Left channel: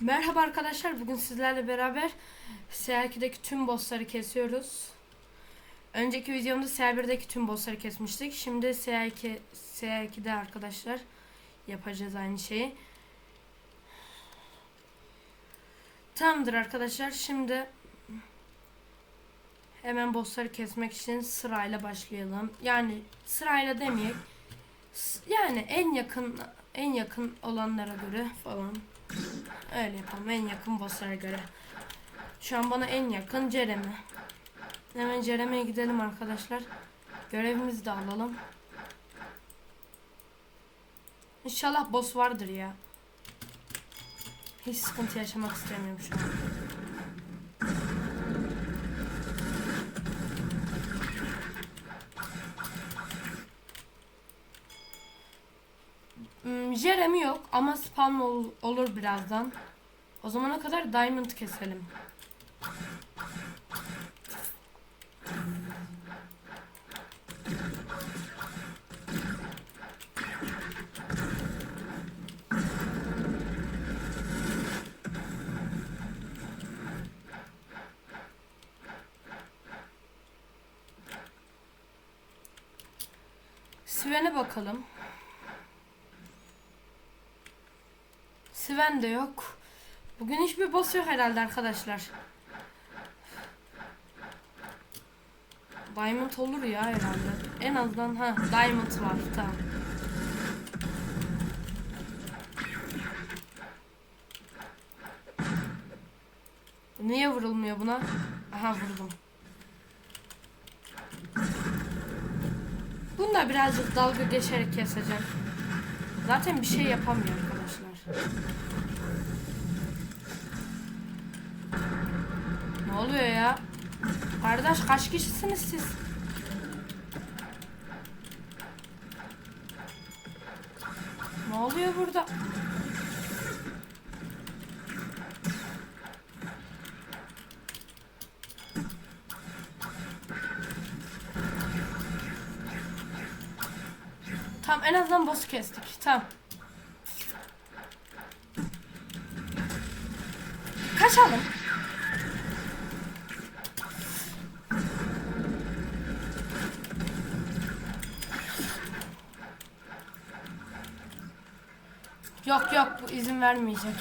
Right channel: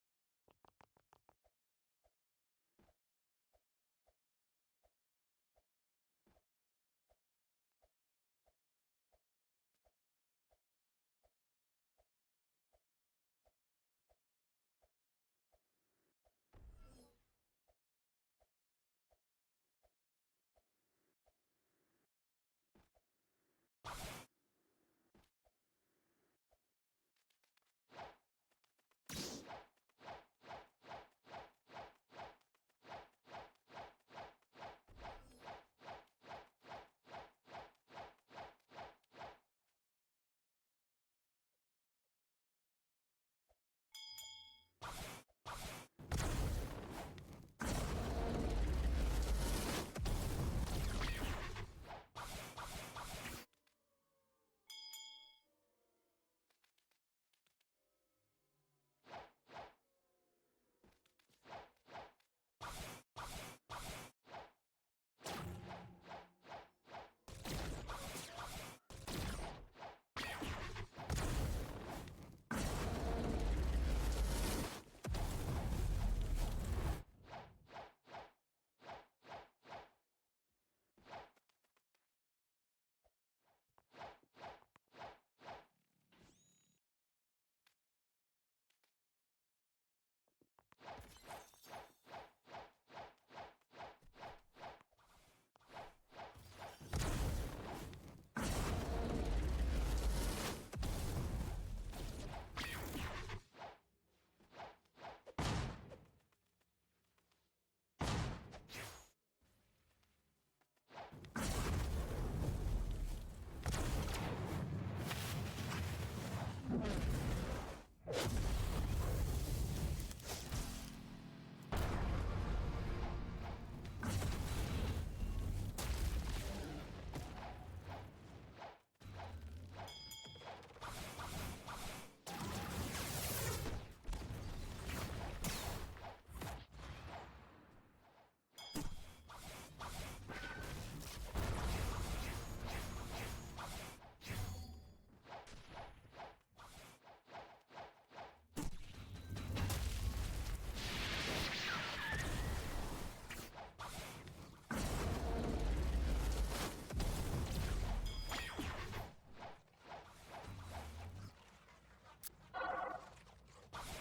Merhaba arkadaşlar. Bugün sizlerle beraber CR2'deki tüm bossları kesiyoruz. Önceki videomda CR1'deki tüm bossları kesmiştik. Şimdi CR2 CR2'de arkadaşlar yapacağız aynı şeyi. Tamamdır arkadaşlar. Şimdi hemen bossları kesmek için sırayla başlayalım. Yani sırayla demeyelim. S- Yani en yakın en yakın olanlara göre falan. Öyle yapalım en yakın bosslara göre. Şu an bana en yakın Jeremy. Hemen Jeremy'ye gidelim arkadaşlar. Görevimizi de alalım. İnşallah boss vardır ya. Hiç sıkıntı yaşamak istemiyorum şu an. Jeremy yok ama spawn ol- olur birazdan. O zamana kadar diamond keselim. Sven'e bakalım. Sven de yok. Bugün hiçbir boss yok herhalde arkadaşlar. Diamond olur ya herhalde. En azından ha Diamond var tamam. Niye vurulmuyor buna? Aha vurdum. Bunu da birazcık dalga geçerek keseceğim. Zaten bir şey yapamıyor arkadaşlar. Ne oluyor ya? Kardeş kaç kişisiniz siz? Ne oluyor burada? Tamam en azından boss'u kestik. Tamam. Yok yok bu izin vermeyecek.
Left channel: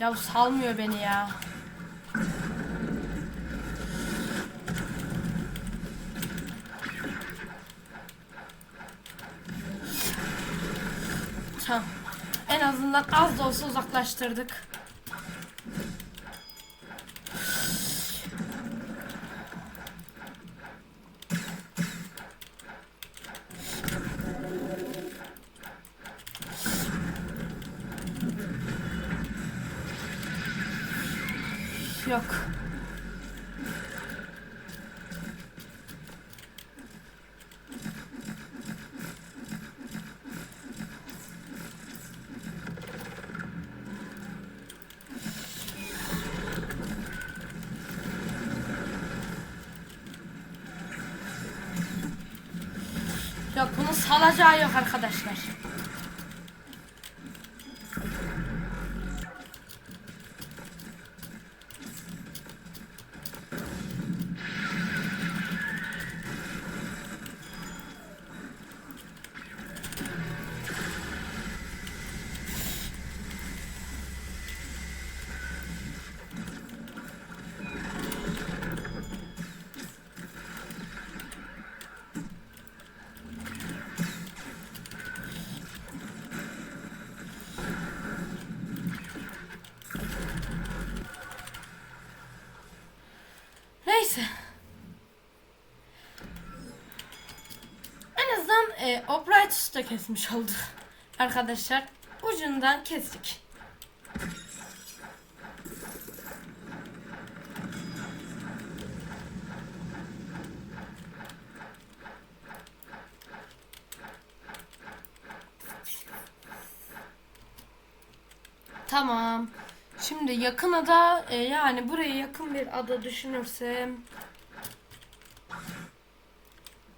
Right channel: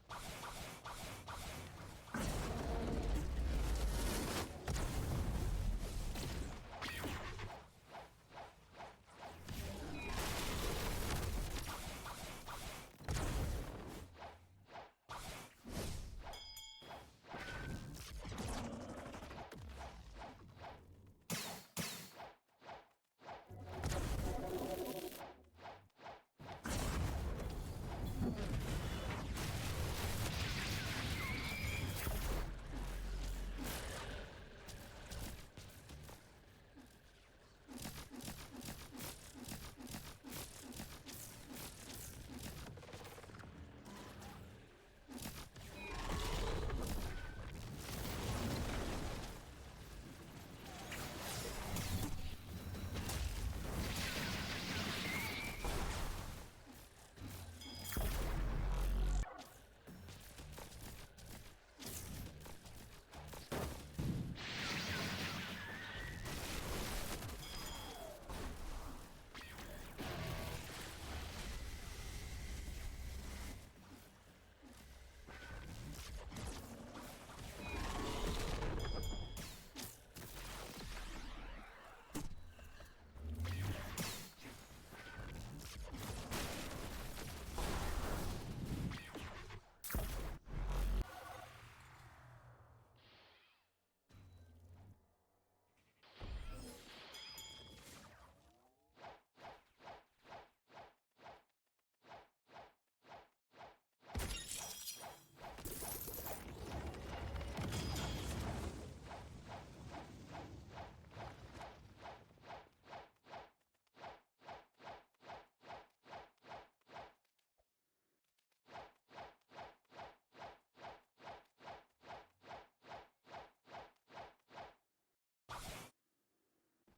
Ya salmıyor beni ya. Tamam. En azından az da olsa Yok. Yok bunun salacağı yok arkadaşlar. Neyse. e, Obrightus da kesmiş oldu. Arkadaşlar ucundan kestik. Tamam. Şimdi yakın ada e, yani buraya yakın bir ada düşünürsem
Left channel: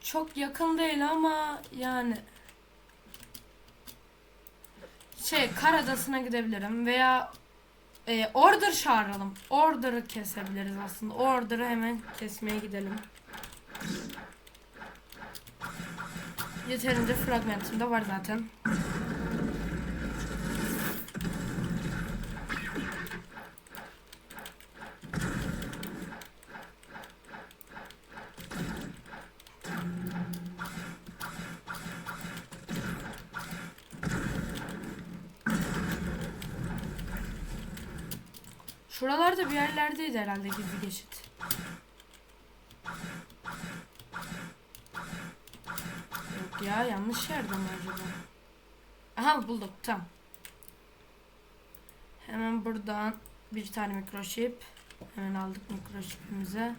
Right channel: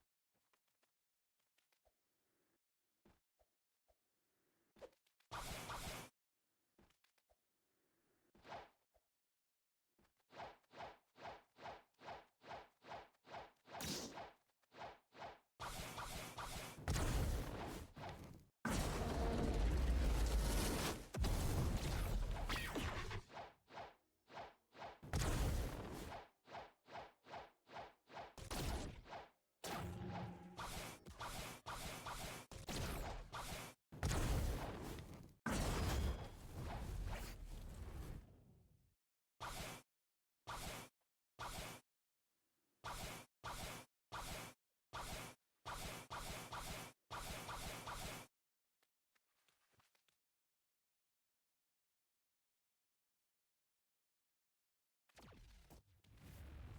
çok yakın değil ama yani şey kar adasına gidebilirim veya e, order çağıralım. Order'ı kesebiliriz aslında. Order'ı hemen kesmeye gidelim. Yeterince fragmentim de var zaten. Şuralarda bir yerlerdeydi herhalde gizli geçit. Yok ya yanlış yerde mi acaba? Aha bulduk tamam. Hemen buradan bir tane mikroşip. Hemen aldık mikroşipimizi.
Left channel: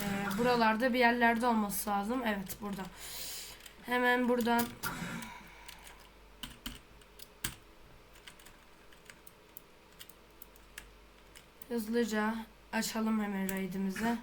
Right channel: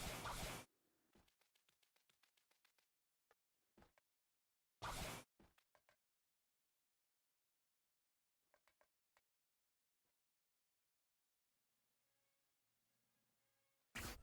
Ee, buralarda bir yerlerde olması lazım. Evet burada. Hemen buradan hızlıca açalım hemen raidimizi.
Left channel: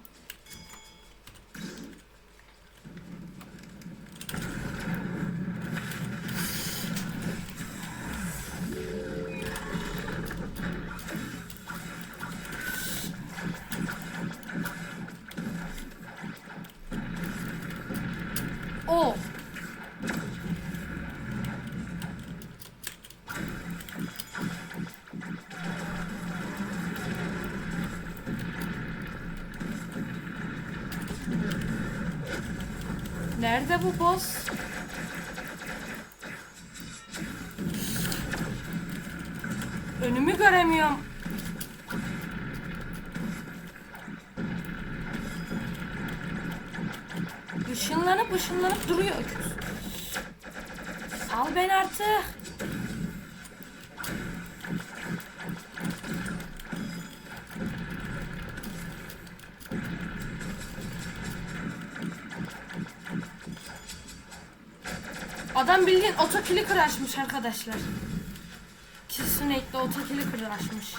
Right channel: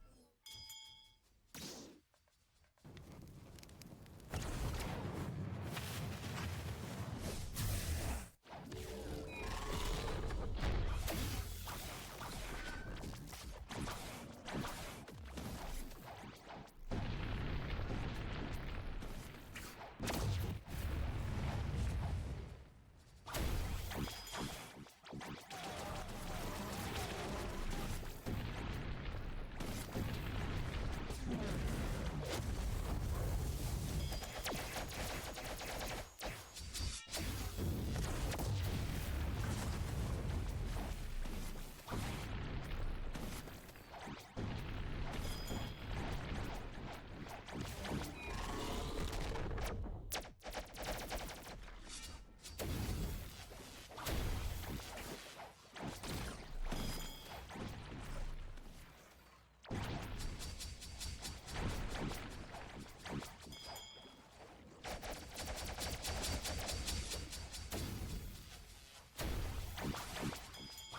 Nerede bu boss? Otokili açmış arkadaşlar. Kesinlikle otokili açmış.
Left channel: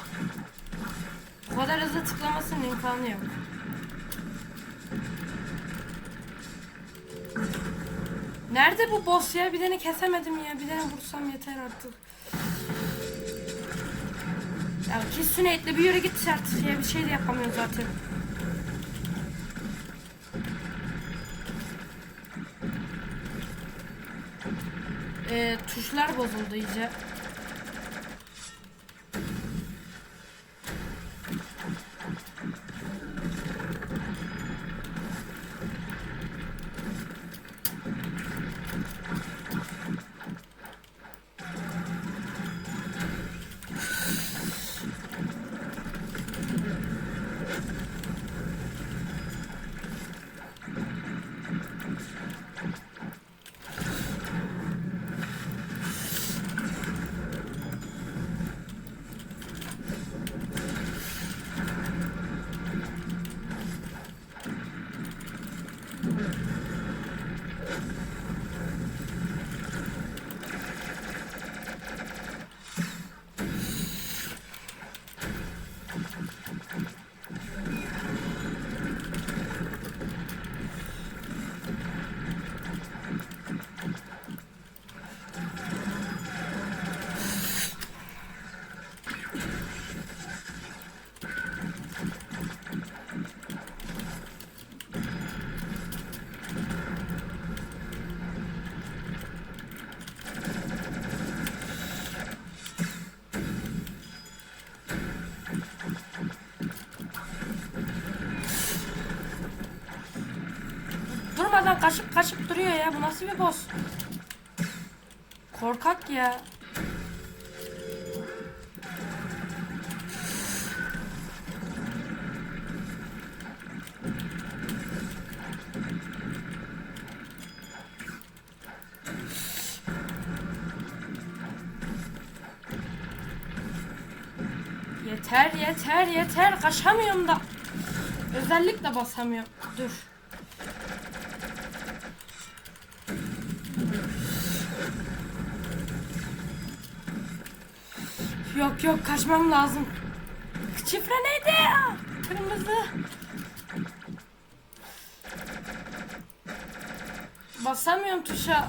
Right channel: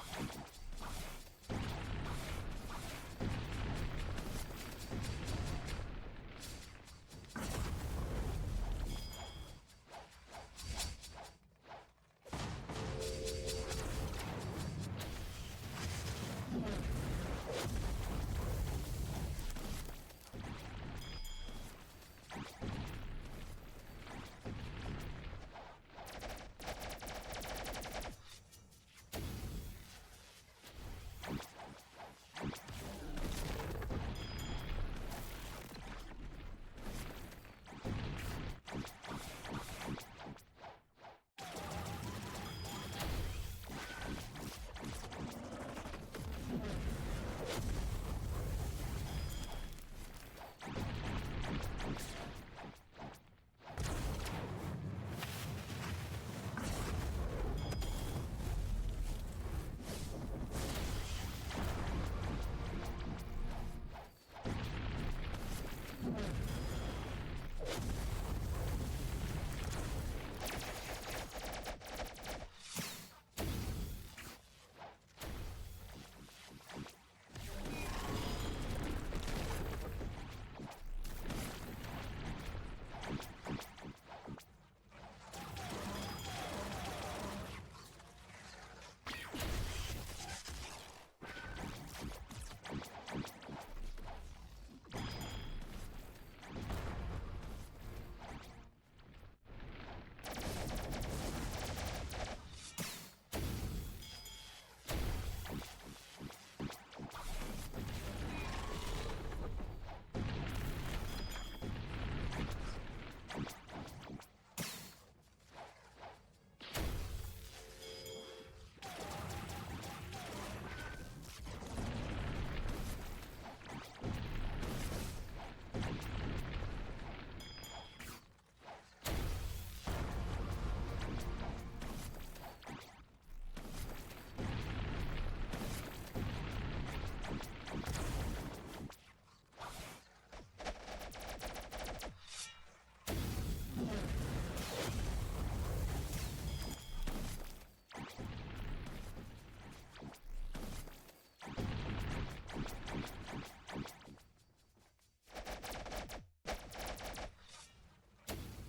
Bu kadar hızlı tıklamasının imkanı yok. Nerede bu boss ya? Bir tane kesemedim ya. Bir tane vursam yeter artık. Ya kesin etle bir yere git artık ya. Bir şey de yapamıyorum zaten. Ee, tuşlar bozuldu iyice. Kaşıp kaşıp duruyor ya. Bu nasıl bir boss? Korkak ya. Yeter yeter yeter kaçamıyorum da. Özellikle basamıyorum. Dur. Kaçmam lazım. Şifre neydi? Kırmızı. Basamıyorum tuşa.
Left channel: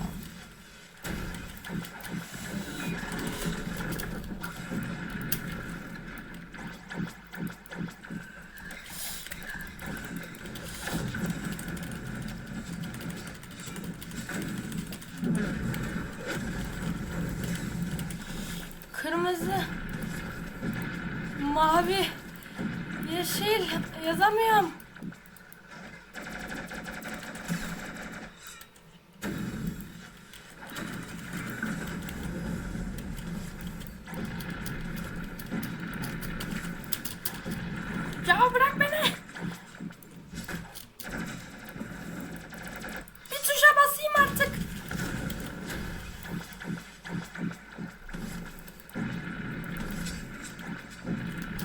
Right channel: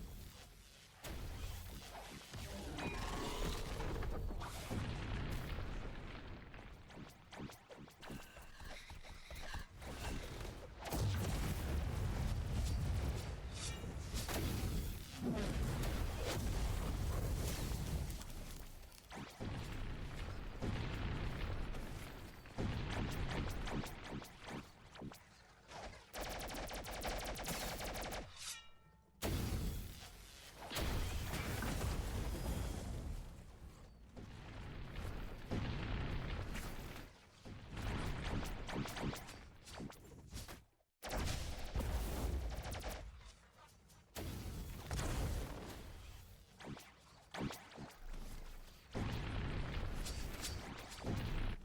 Kırmızı. Mavi. Yeşil. Yazamıyorum. Ya bırak beni. Bir tuşa basayım artık.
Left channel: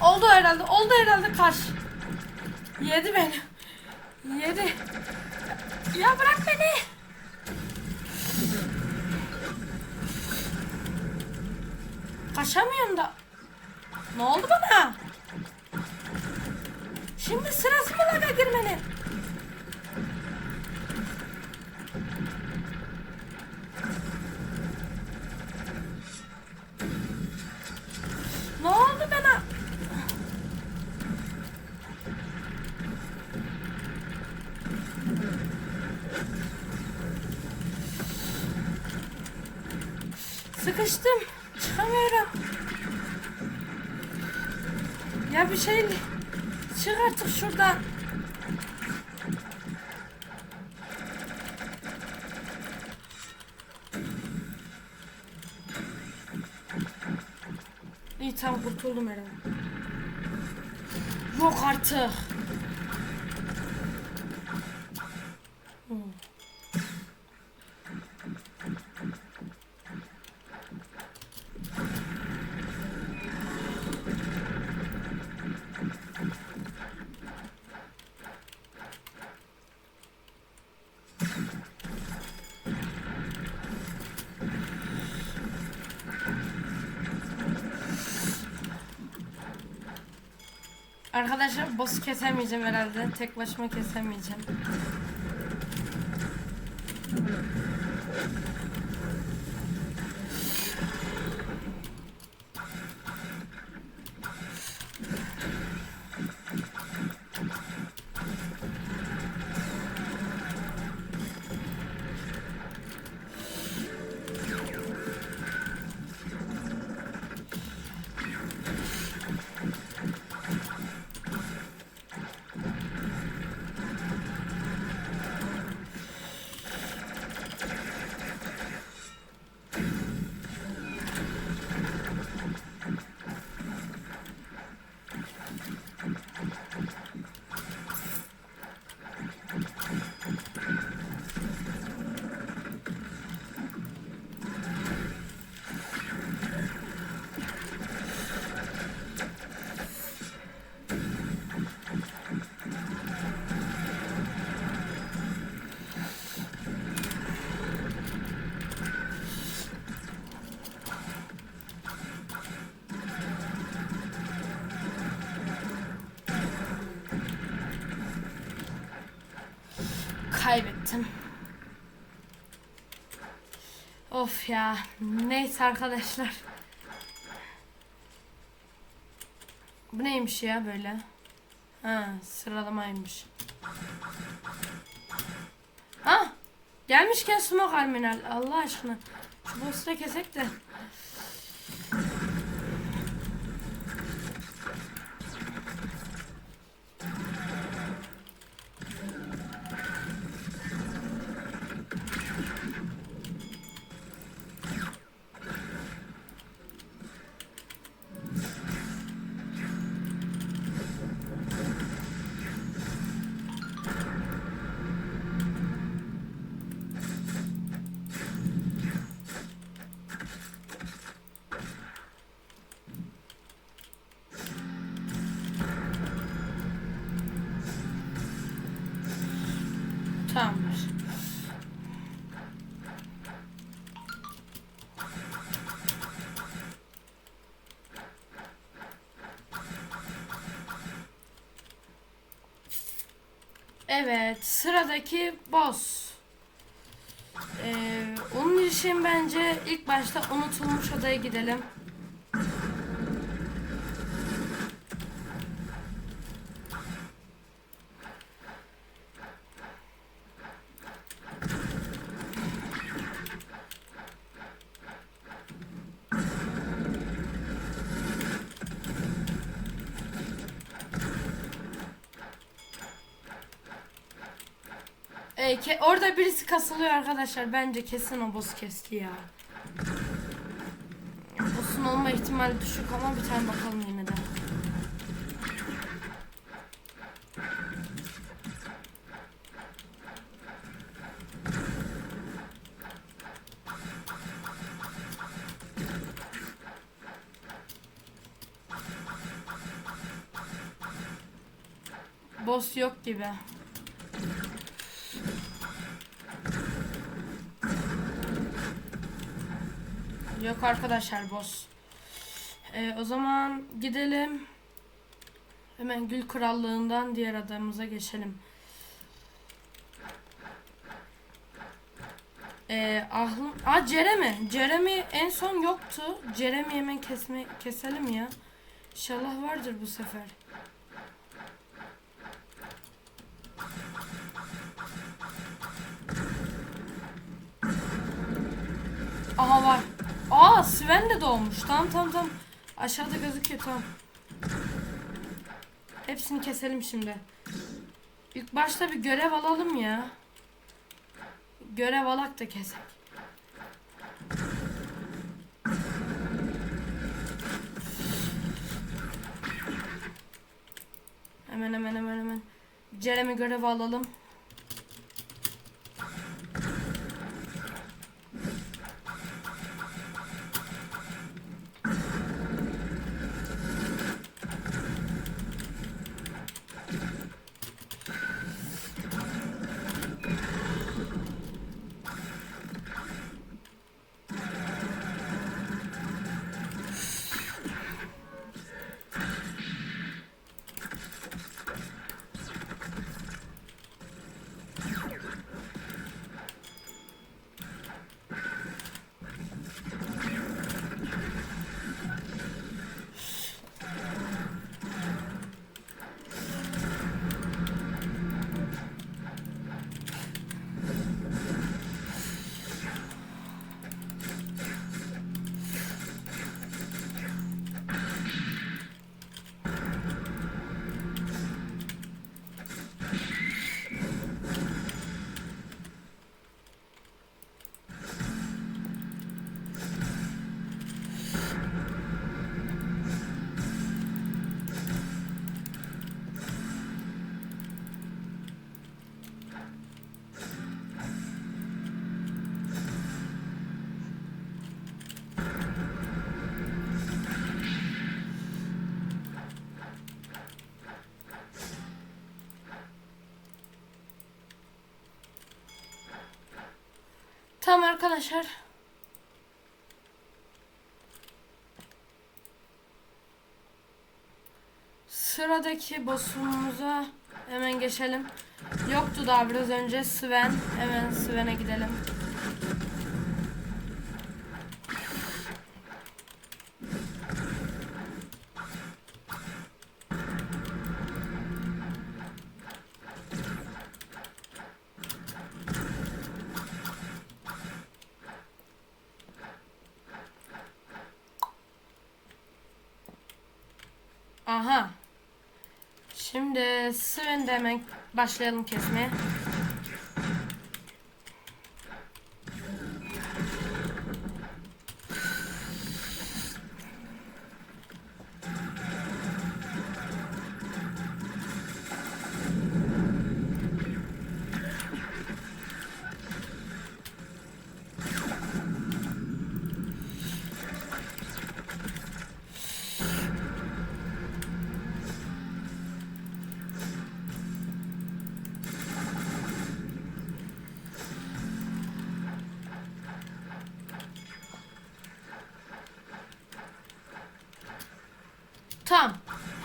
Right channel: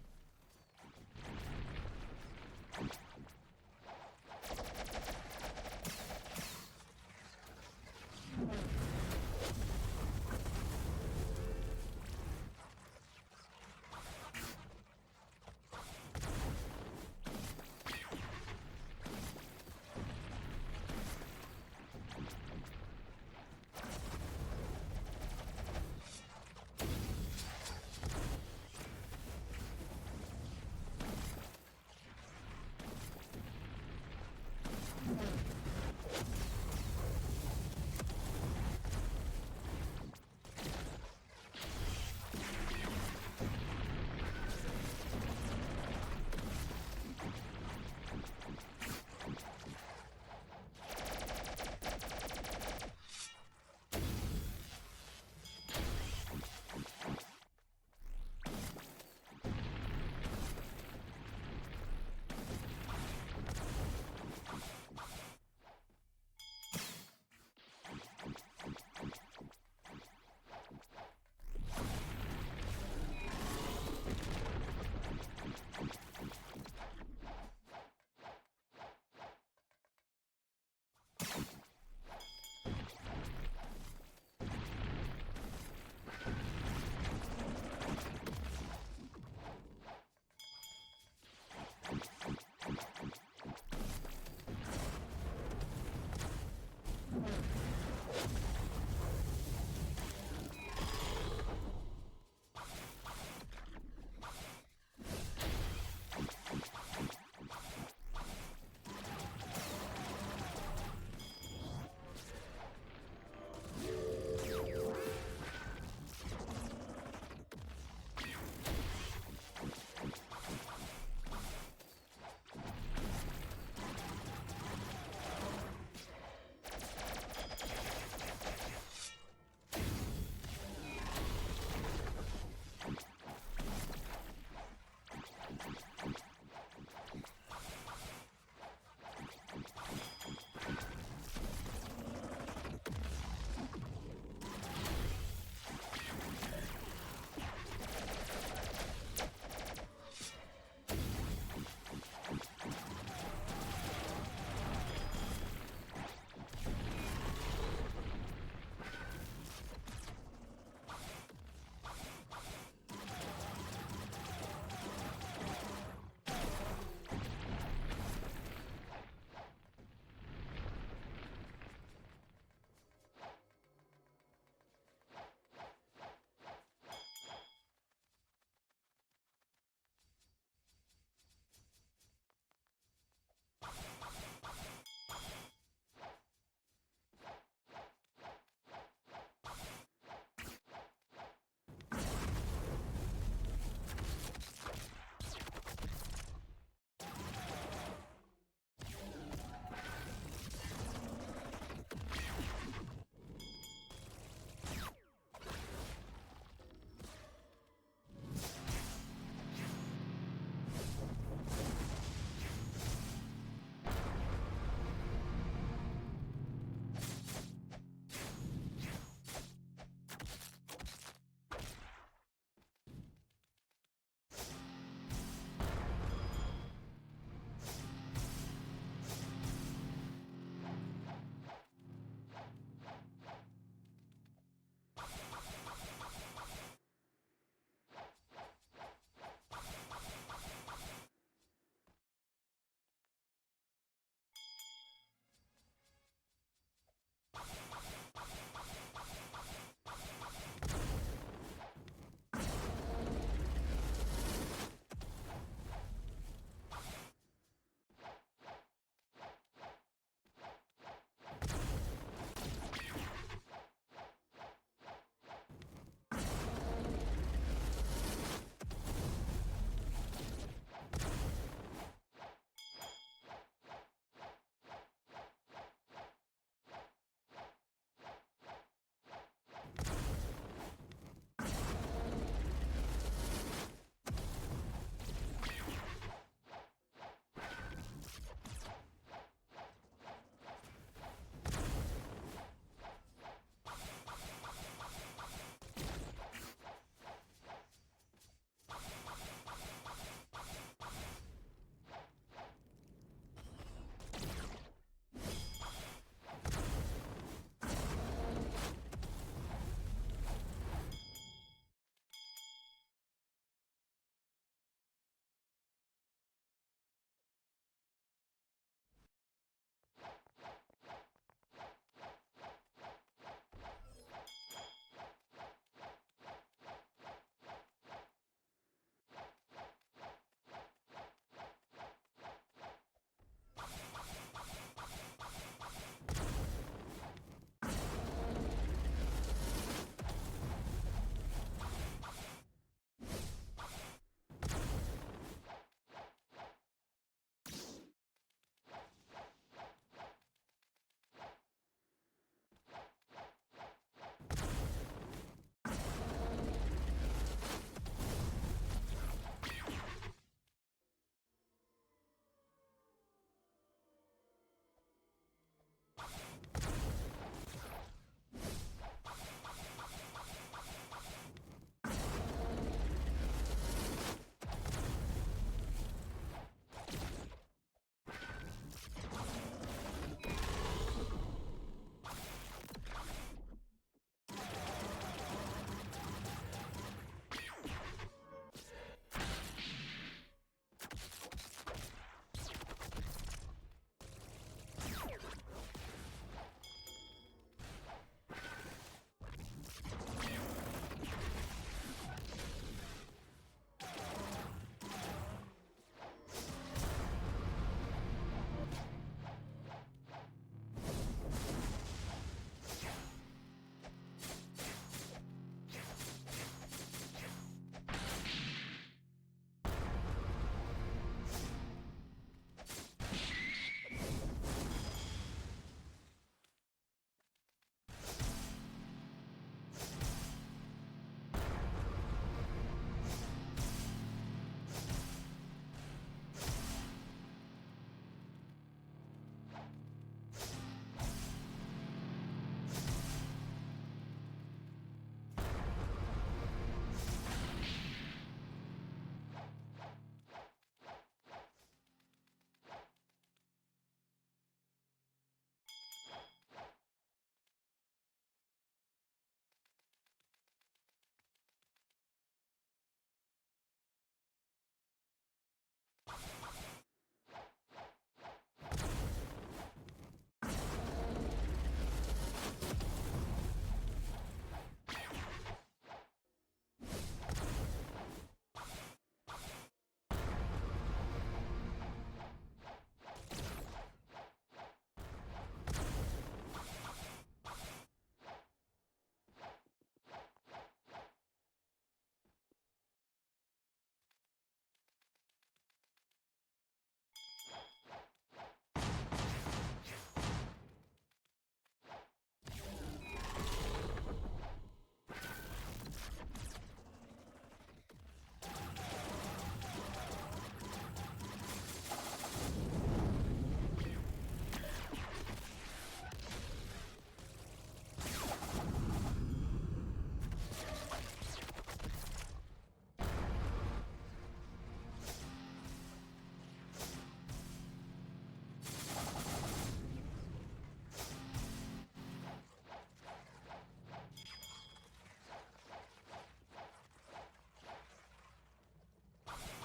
Oldu herhalde. Oldu herhalde kaç. Yedi beni. Yedi. Ya bırak beni. Kaçamıyorum da. Ne oldu bana? Şimdi sırası mı laga girmenin? Ne oldu bana? Sıkıştım. Çıkamıyorum. Ya bir şey çık artık şuradan. İyi tamam kurtuldum herhalde. Yok artık. Kesemeyeceğim herhalde. Tek başıma kesemeyeceğim. Of ya. Neyse arkadaşlar. Bu neymiş ya böyle? Ha sıralamaymış. Ha gelmişken smoke alminal Allah aşkına. Şu boss'u da kesek de. Evet sıradaki boss. Ee, onun için bence ilk başta unutulmuş adaya gidelim. Ee, ke- orada birisi kasılıyor arkadaşlar. Bence kesin o boss kesti ya. Boss'un olma ihtimali düşük ama bir tane bakalım yine de. Boss yok gibi. Yok arkadaşlar boss. Ee, o zaman gidelim. Hemen Gül Krallığından diğer adamıza geçelim. Ee, ahlım... Aa Jeremy. Jeremy en son yoktu. Jeremy hemen kesme keselim ya. İnşallah vardır bu sefer. Aha var. Sven de doğmuş. Tamam tamam tamam. Aşağıda gözüküyor tamam. Hepsini keselim şimdi. İlk başta bir görev alalım ya. Görev alak da kesek. Hemen hemen hemen hemen. Jeremy görevi alalım. Tamam arkadaşlar. Sıradaki boss'umuza hemen geçelim. Yoktu daha biraz önce Sven. Hemen Sven'e gidelim. Aha. Şimdi Sven'de hemen başlayalım kesmeye. Tamam.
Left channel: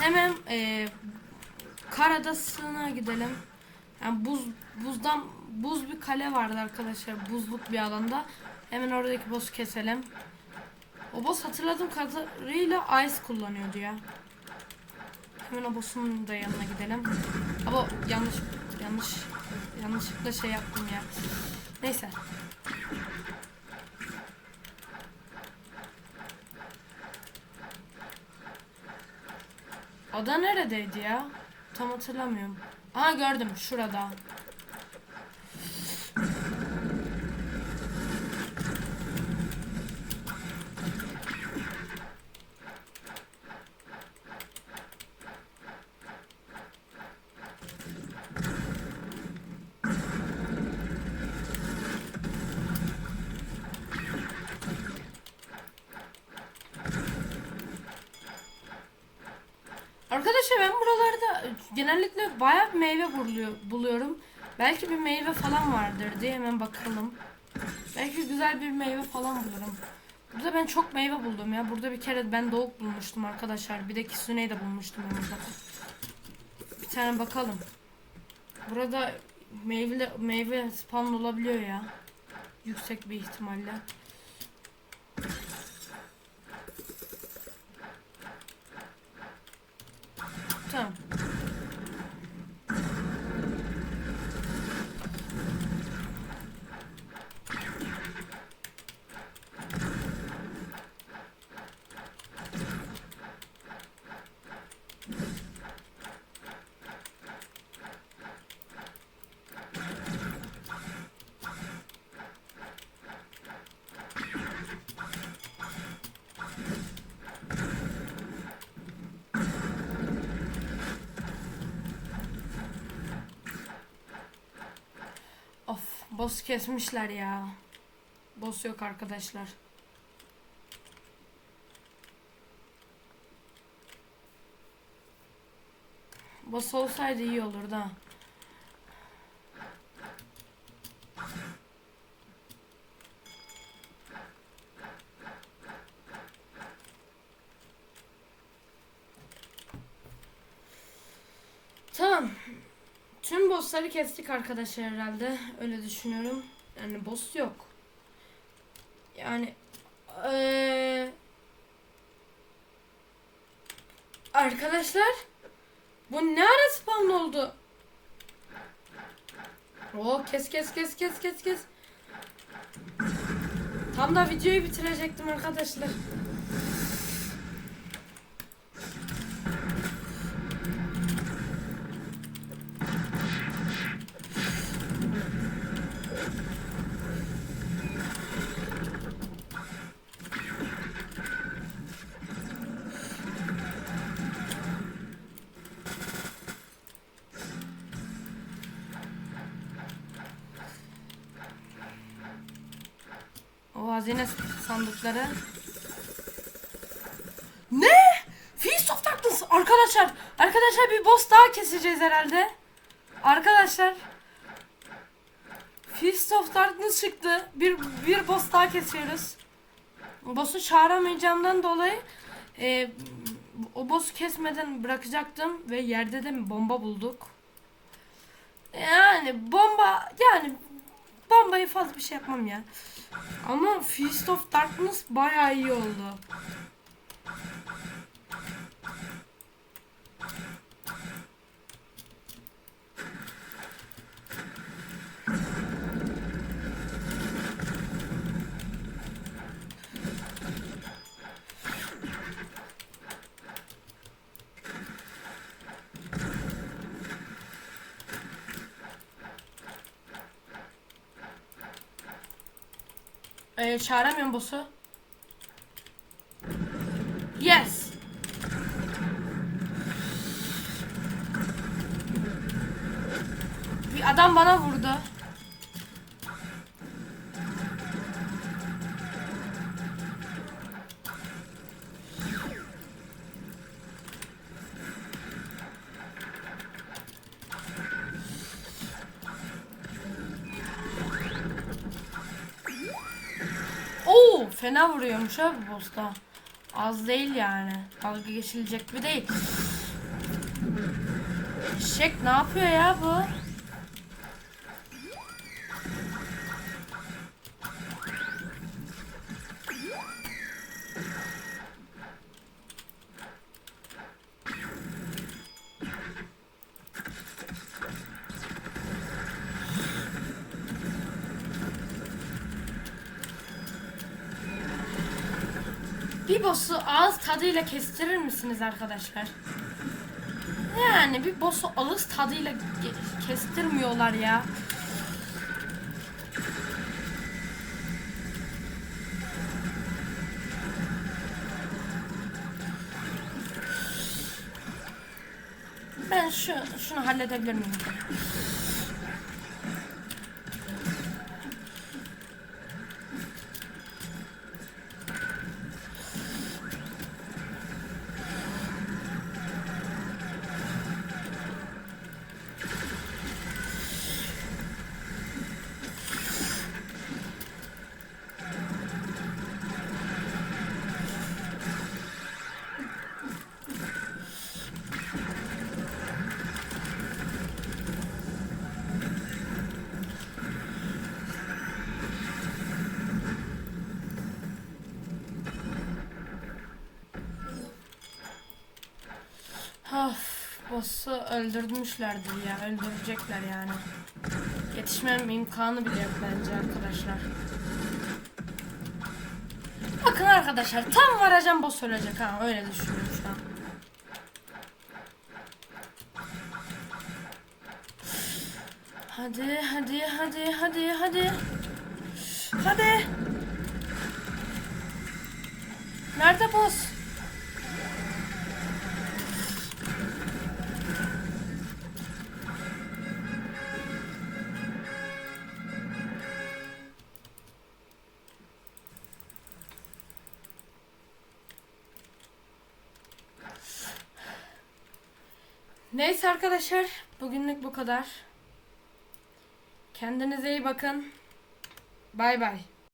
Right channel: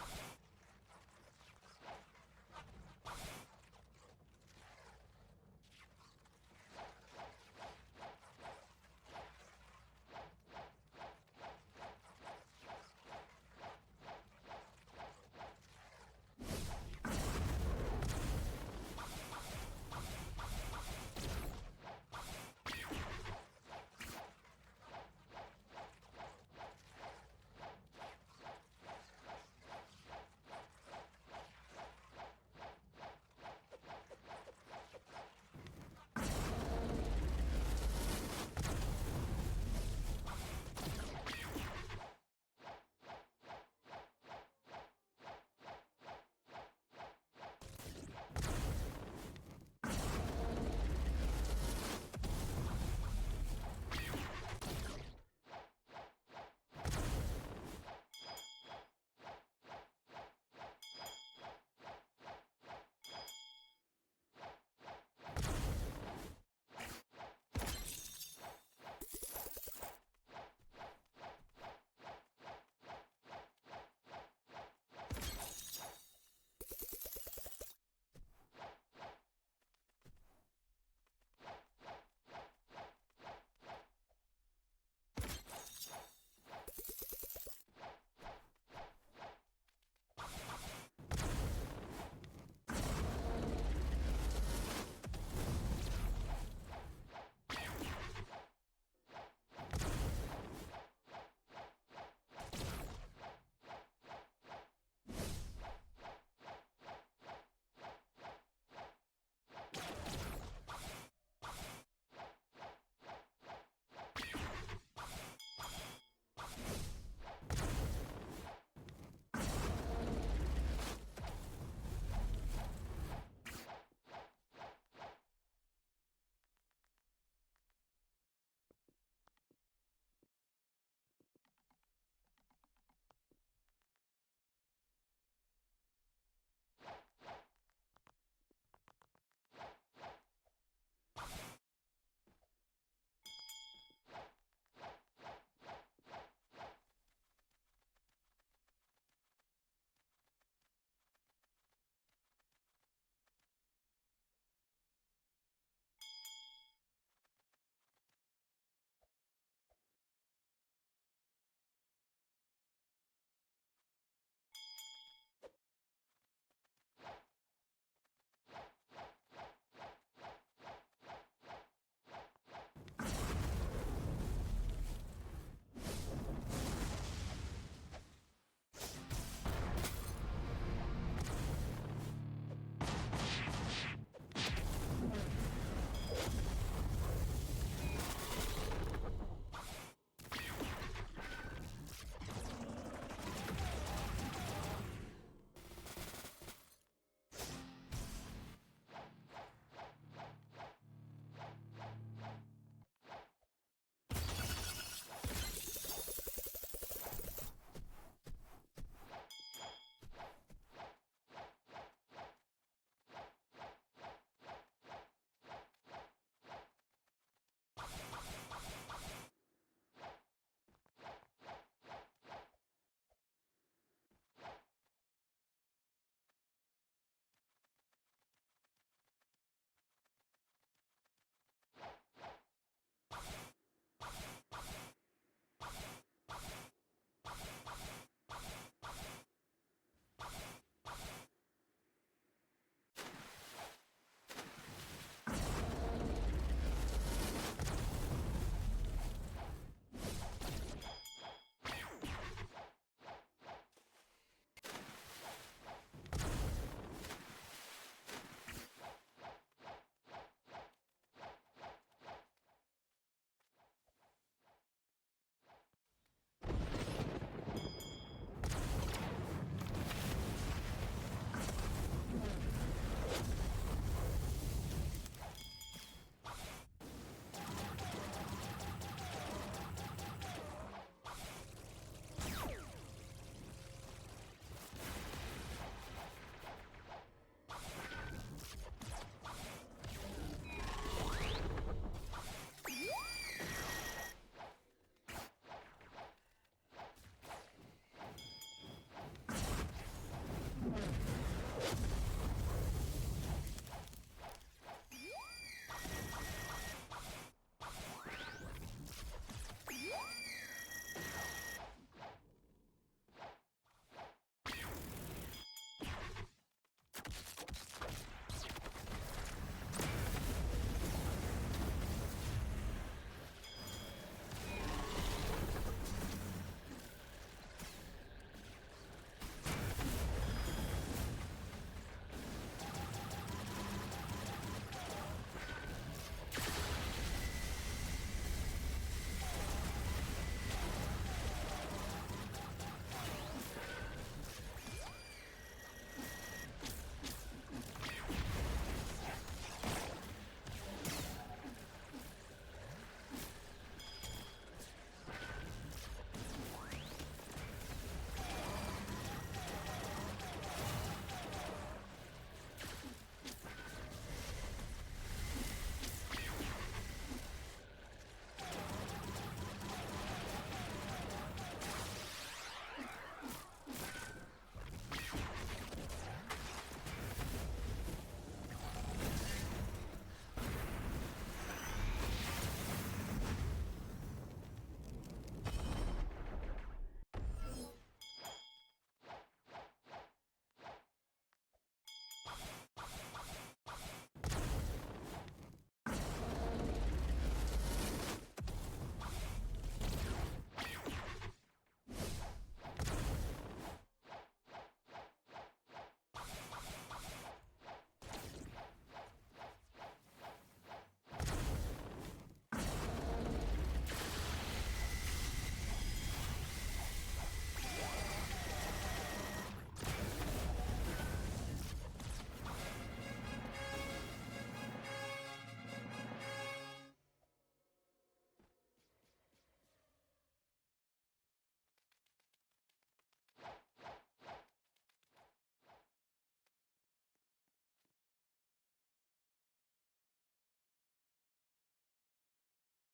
Hemen e, Kar Adası'na gidelim. Yani buz buzdan buz bir kale vardı arkadaşlar. Buzluk bir alanda. Hemen oradaki boss'u keselim. O boss hatırladığım kadarıyla ice kullanıyordu ya. Hemen o boss'un da yanına gidelim. Ama yanlış yanlış yanlışlıkla şey yaptım ya. Neyse. Ada neredeydi ya? Tam hatırlamıyorum. Aha gördüm şurada. Arkadaşlar ben buralarda genellikle bayağı bir meyve buluyor, buluyorum. Belki bir meyve falan vardır diye hemen bakalım. Belki güzel bir meyve falan bulurum. Burada ben çok meyve buldum ya. Burada bir kere ben doğuk bulmuştum arkadaşlar. Bir de Kisune'yi de bulmuştum. Bir tane bakalım. Burada meyve meyve spawn olabiliyor ya. Yüksek bir ihtimalle. Tamam. Of, boss kesmişler ya. Boss yok arkadaşlar. Boss olsaydı iyi olurdu ha. Tamam. Tüm bossları kestik arkadaşlar herhalde. Öyle düşünüyorum. Yani boss yok. Yani eee, arkadaşlar bu ne ara spawn oldu? Oo kes kes kes kes kes kes. Tam da videoyu bitirecektim arkadaşlar. Hazine sandıkları. Ne? Feast of Darkness. Arkadaşlar, arkadaşlar bir boss daha keseceğiz herhalde. Arkadaşlar. Feast of Darkness çıktı. Bir bir boss daha kesiyoruz. Boss'u çağıramayacağımdan dolayı e, o boss'u kesmeden bırakacaktım ve yerde de bomba bulduk. Yani bomba yani bombayı fazla bir şey yapmam ya. Ama Feast of Darkness bayağı iyi oldu. Ee, çağıramıyorum boss'u. Yes. Bir adam bana vurdu. Oo, fena vuruyormuş ha bu boss'ta. Az değil yani. Dalga geçilecek bir değil. Şek ne yapıyor ya bu? bir boss'u ağız tadıyla kestirir misiniz arkadaşlar? Yani bir boss'u ağız tadıyla kestirmiyorlar ya. Ben şu şunu halledebilir miyim? Of, boss'u öldürmüşlerdir ya, öldürecekler yani. Yetişmem imkanı bile yok bence arkadaşlar. Bakın arkadaşlar, tam varacağım boss ölecek ha, öyle düşünüyorum şu an. Hadi, hadi, hadi, hadi, hadi. Hadi. Nerede boss? Neyse arkadaşlar, bugünlük bu kadar. Kendinize iyi bakın. Bay bay.